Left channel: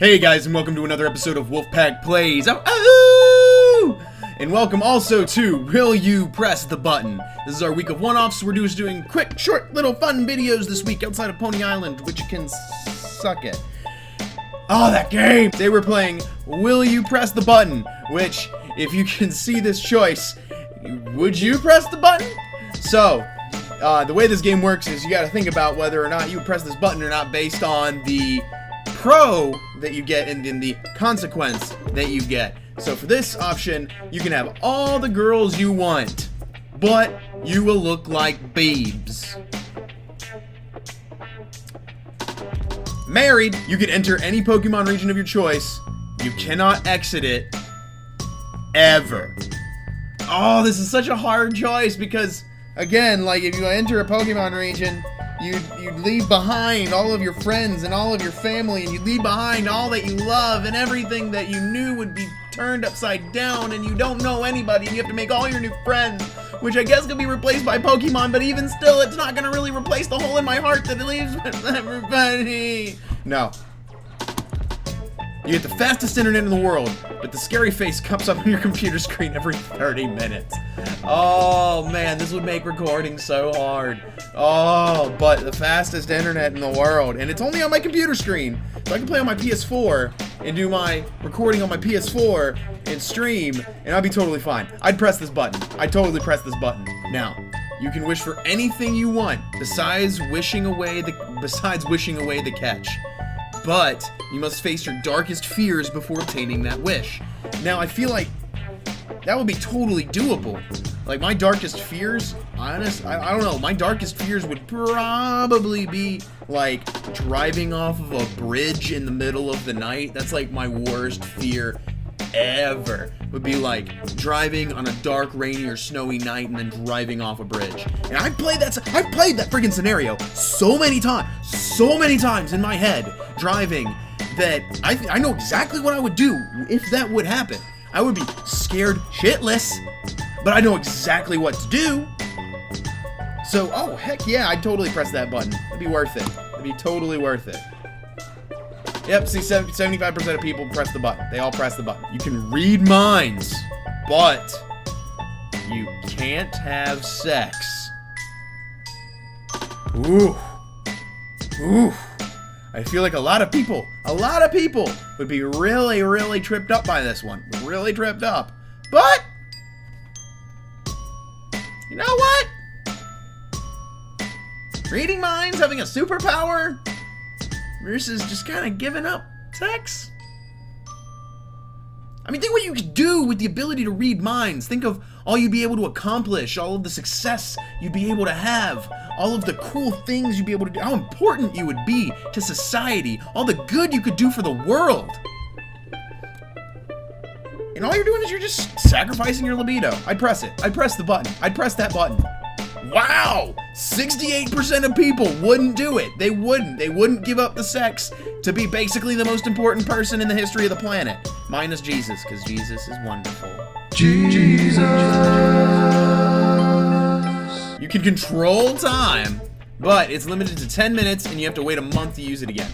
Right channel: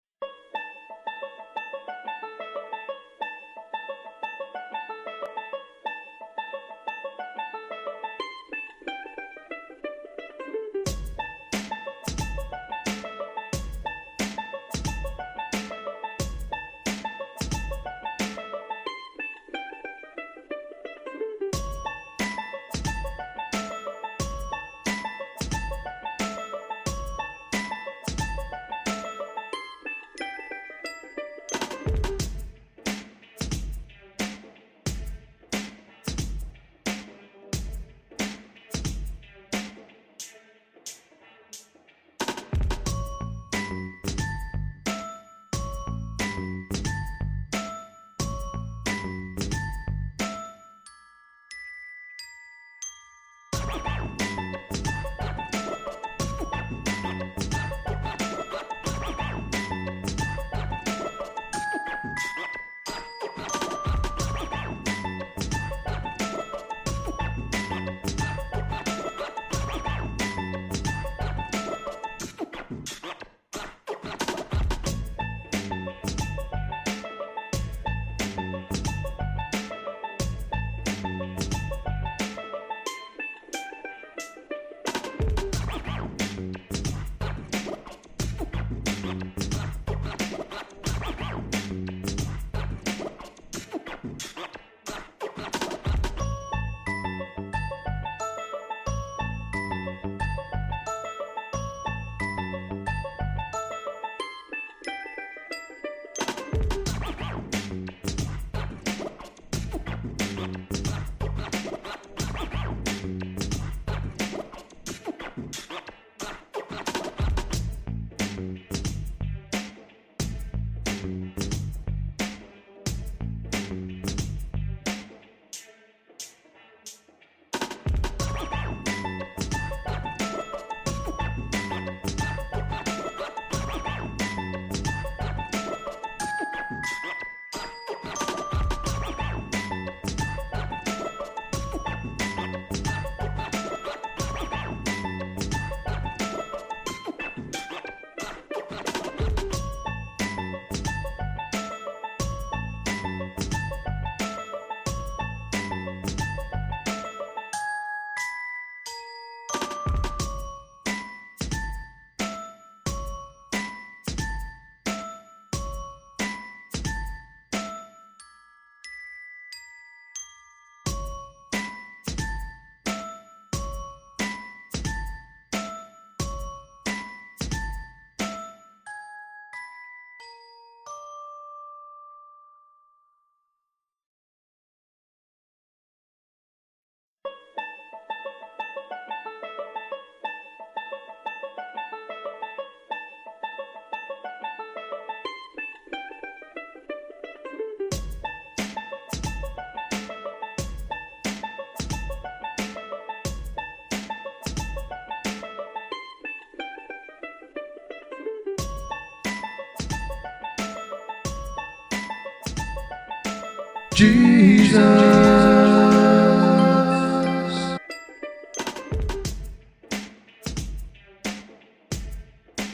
Hey guys, and welcome to another episode of Wolfpack Plays. Oh! And welcome also to Will You Press the Button? This is our week of one-offs. We're just doing quick, short, little fun videos this week outside of Pony Island, which you can suck at. Oh, that game! They were playing Will You Press the Button, which, if you can see this choice, would you press the button? So, the way this game works is you gotta think about whether or not you press this button or not based on the pro that you get and in the consequence that you get. So for this option, you can have all the girls you want, but you will look like babes. Married, you can enter any Pokemon region of your choice. You cannot exit it ever. Oh, this is such a hard choice because, again, like if you enter a Pokemon region, you leave behind all of your friends and all of your family, and you leave behind all that you love and everything that you knew would be turned upside down, and you don't know anybody. You have to make all your new friends, which I guess could be replaced by Pokemon, but even still, it's not gonna really replace the hole in my heart that it leaves with everybody. No. You get the fastest internet in the world, but the scary face comes up on your computer screen every 30 minutes. Oh man, this would make recording so hard. Oh, but the fastest internet in the world, and it's only on my computer screen. So I can play on my PS4 and do my recording on my PS4 and stream, and I'd be totally fine. I'd press this button. I'd totally press this button. Now, you can wish for anything you want besides wishing away the catch. But you must face your darkest fears before obtaining that wish. Now, I feel like that would be totally doable. Like, my darkest fears, I don't know, my darkest fears would probably be, like, driving off of a bridge in the middle of the night. That's, like, my worst fear ever. Would be, like, driving on a dark, rainy, or snowy night and then driving off a bridge. And I've played that friggin' scenario so many times in my head, driving, that I know exactly what I would do if that would happen. I would be scared shitless, but I know exactly what to do. So, oh, heck yeah, I'd totally press that button. It'd be worth it. It'd be totally worth it. Yep, see, 75% of people press the button. They all press the button. You can read minds, but you can't have sex. Ooh. Ooh. I feel like a lot of people would be really, really tripped up by this one. Really tripped up. But, you know what? Reading minds, having a superpower, versus just kind of giving up sex? I mean, think what you could do with the ability to read minds. Think of all you'd be able to accomplish, all of the success you'd be able to have, all of the cool things you'd be able to do, how important you would be to society, all the good you could do for the world. And all you're doing is you're just sacrificing your libido. I'd press it. I'd press the button. I'd press that button. Wow! 68% of people wouldn't do it. They wouldn't. They wouldn't give up the sex to be basically the most important person in the history of the planet. Minus Jesus, because Jesus is wonderful. Jesus! You can control time, but it's limited to 10 minutes and you have to wait a month to use it again.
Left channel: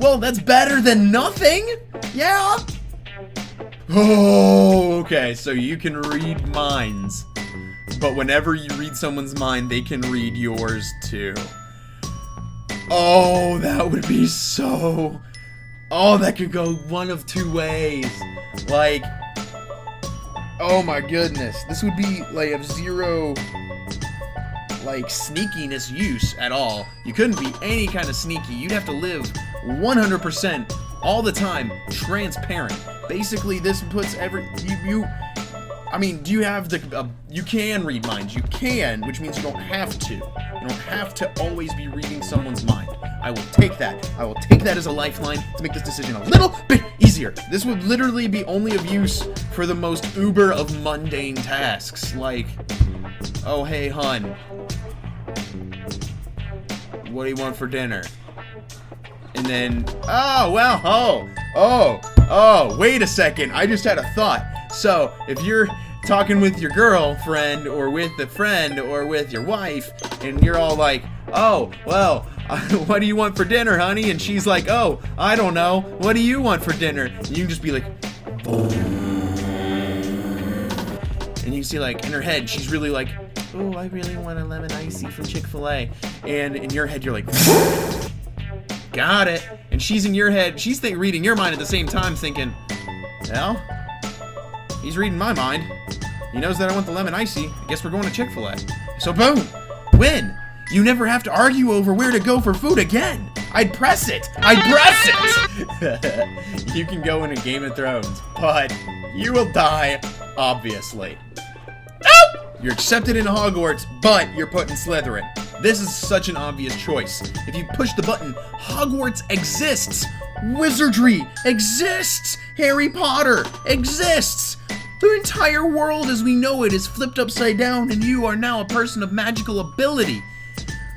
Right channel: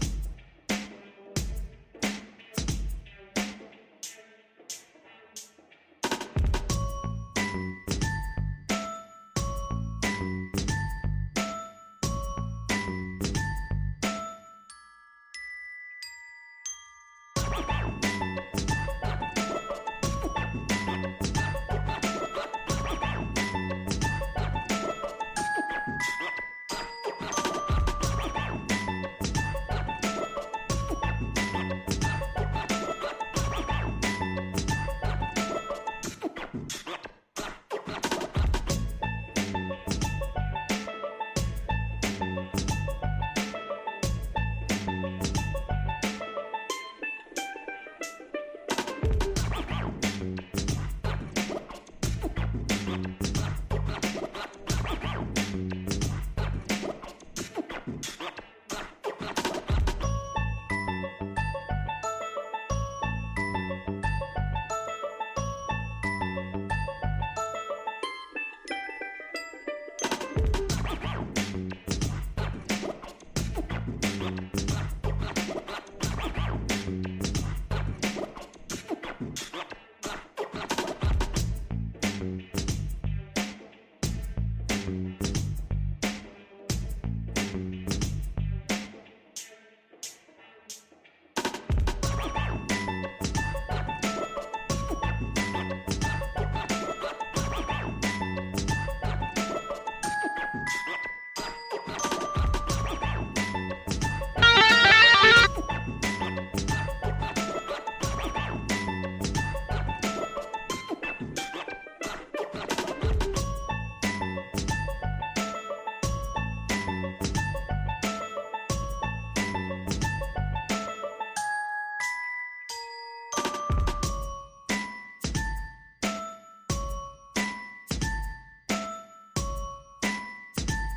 Well, that's better than nothing! Yeah! Oh, okay, so you can read minds. But whenever you read someone's mind, they can read yours too. Oh, that would be so... Oh, that could go one of two ways. Like, oh my goodness. This would be, like, of zero, like, sneakiness use at all. You couldn't be any kind of sneaky. You'd have to live 100% all the time transparent. Basically, this puts I mean, do you have the, you can read minds. You can, which means you don't have to. You don't have to always be reading someone's mind. I will take that. I will take that as a lifeline to make this decision a little bit easier. This would literally be only of use for the most uber of mundane tasks, like, oh, hey, hun, what do you want for dinner? And then, oh, well, oh, wait a second, I just had a thought. So, if you're talking with your girlfriend, or with a friend, or with your wife, and you're all like, oh, well, what do you want for dinner, honey? And she's like, oh, I don't know. What do you want for dinner? And you can just be like, boom. And you see, like, in her head, she's really like, oh, I really want a lemon icy from Chick-fil-A. And in your head, you're like, got it. And she's in your head, she's reading your mind at the same time, thinking, well, he's reading my mind. He knows that I want the lemon icy. Guess we're going to Chick-fil-A. So boom, win. You never have to argue over where to go for food again. I'd press it. You can go into Game of Thrones, but you will die, obviously. You're accepted into Hogwarts, but you're put in Slytherin. This is such an obvious choice. If you push the button, Hogwarts exists. Wizardry exists. Harry Potter exists. The entire world as we know it is flipped upside down, and you are now a person of magical ability.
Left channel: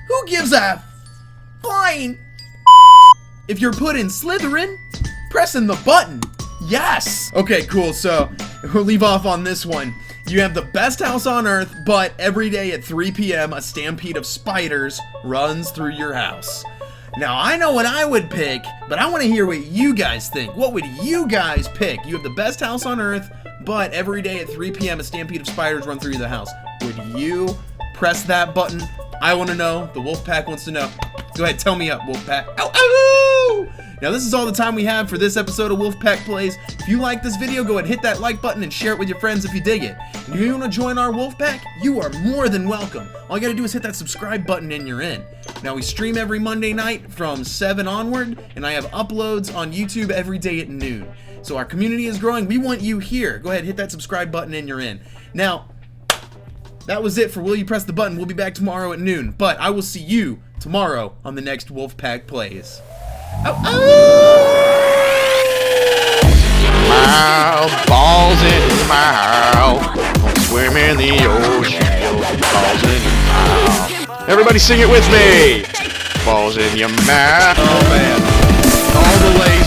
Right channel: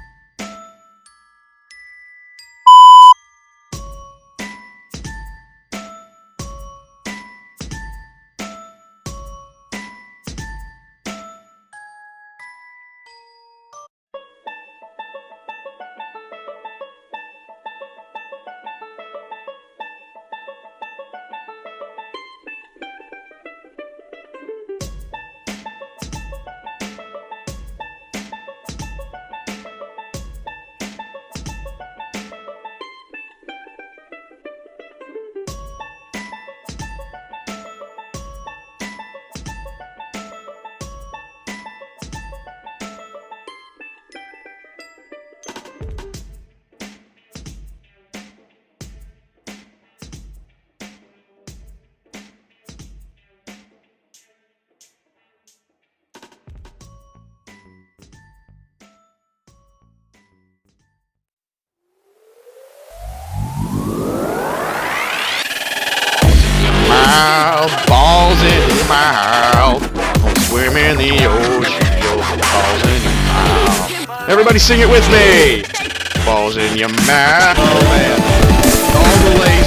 Who gives a flying if you're put in Slytherin? Pressing the button. Yes. Okay, cool. So we'll leave off on this one. You have the best house on earth, but every day at 3 p.m. a stampede of spiders runs through your house. Now, I know what I would pick, but I want to hear what you guys think. What would you guys pick? You have the best house on earth, but every day at 3 p.m. a stampede of spiders run through the house. Would you press that button? I want to know. The Wolfpack wants to know. Go ahead, tell me up, Wolfpack. Ow, ow! Now, this is all the time we have for this episode of Wolfpack Plays. If you like this video, go ahead, hit that like button and share it with your friends if you dig it. If you want to join our Wolfpack, you are more than welcome. All you gotta do is hit that subscribe button and you're in. Now, we stream every Monday night from 7 onward, and I have uploads on YouTube every day at noon. So our community is growing. We want you here. Go ahead, hit that subscribe button and you're in. Now, that was it for Will You Press the Button. We'll be back tomorrow at noon, but I will see you tomorrow on the next Wolfpack Plays. Mouth, balls in your mouth. Don't swim in the ocean, balls in your mouth. Everybody sing it with me. Balls in your mouth. Oh man, all the way